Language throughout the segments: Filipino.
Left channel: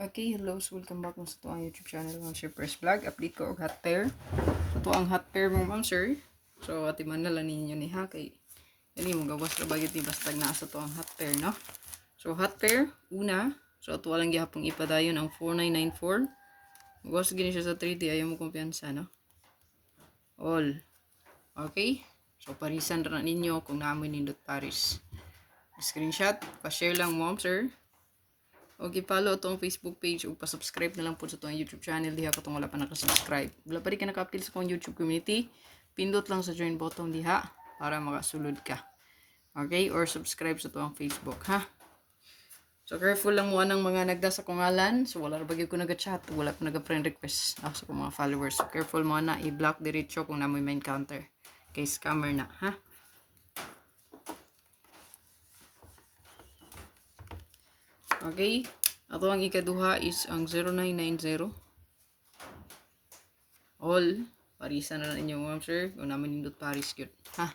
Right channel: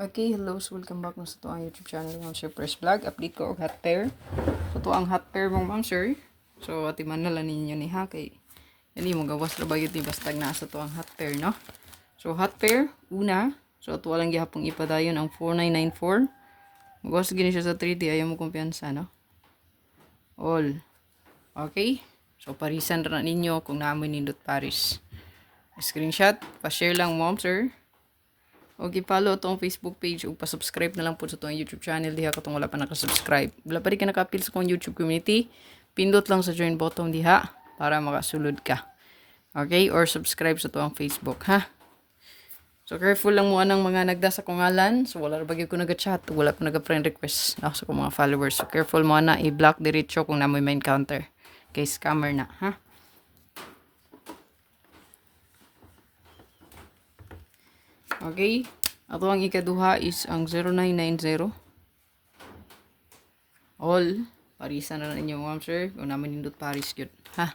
Okay, hello, so welcome back sa ito ang YouTube channel ng Sir Press Vlog. Update ko og hot pair. Ito ang hot pair mo, ma'am sir. So, ati man na lang ninyo ni ha kay hindi mo gawas ra bagay di basta na sa to ang hot pair, no? So, hot pair una. So, ito walang gihapong ipadayon ang 4994. Gawas gini siya sa 3D, ayaw mo kumpiyansa, no? All. Okay? So, parisan ra na ninyo kung naamoy nindot Paris. Screenshot, pa-share lang, ma'am sir. O follow itong Facebook page o pa-subscribe na lang po sa itong YouTube channel diha katong wala pa nakasubscribe. Wala pa rin ka naka-appeal sa kong YouTube community, pindot lang sa join button diha para makasulod ka. Okay? Or subscribe sa itong Facebook, ha? So, careful lang mo anang mga nagda sa kungalan. So, wala bagay ko nag-chat. Wala pa nag-friend request sa kong mga followers. So, careful mo na i-block diretso kung namoy may encounter. Kay scammer na, ha? Okay? Ato ang ikaduha is ang 0990. All. Parisan na ninyo, ma'am sir. Kung naman nindot Paris yun. Ha?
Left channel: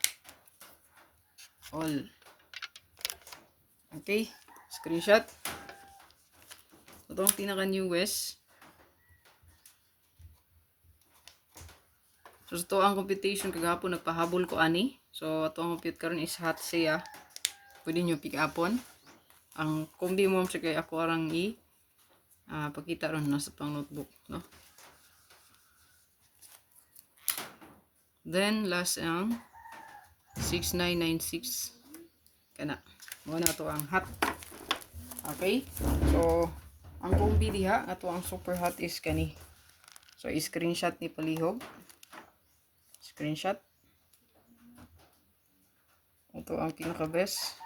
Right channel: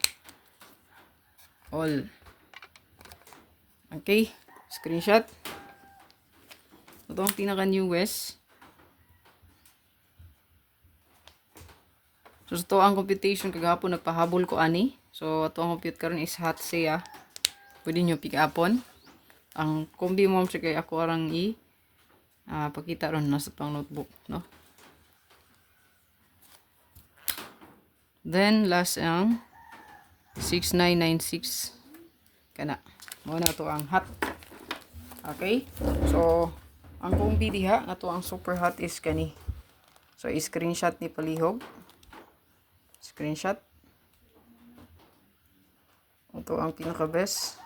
All. Okay? Screenshot. Ito ang pinaka-newest. So, ito ang computation. Kagahapon nagpahabol ko ani. So, ito ang compute karon is hot siya. Pwede nyo pick upon. Ang kombi mo siya kay ako arang pakita ron nasa tong notebook, no? Then last ang 6996 kana. Muna to ang hot. Okay? So ang kombi diha ato ang super hot is kani. So i-screenshot ni palihog. Screenshot. Ito ang pinaka best.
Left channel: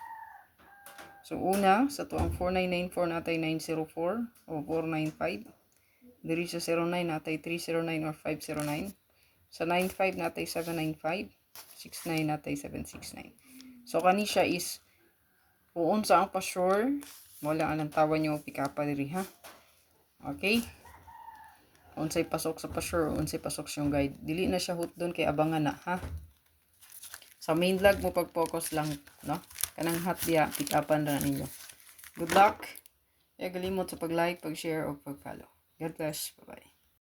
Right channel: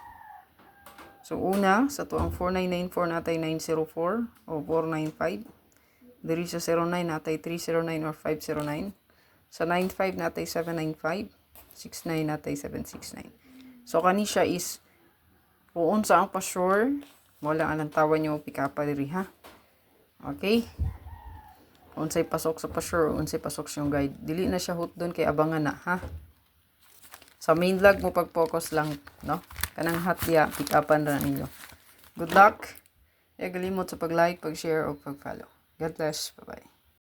So, una, sa to ang 4994 natay 904 o 495. Diri sa 09 natay 309 or 509. Sa 95 natay 795. 69 natay 769. So, kani siya is kung sa ang pa-sure, wala ang tawa nyo pick up diri ha. Okay? Unsay pasok sa pa-sure, unsay pasok yung guide. Dili na siya hot doon kay abangan na ha. Sa main vlog mo pag-focus lang, no? Kanang hot diya, pick upan na ninyo. Good luck. Galimot sa pag-like, pag-share, o pag-follow. God bless. Bye-bye.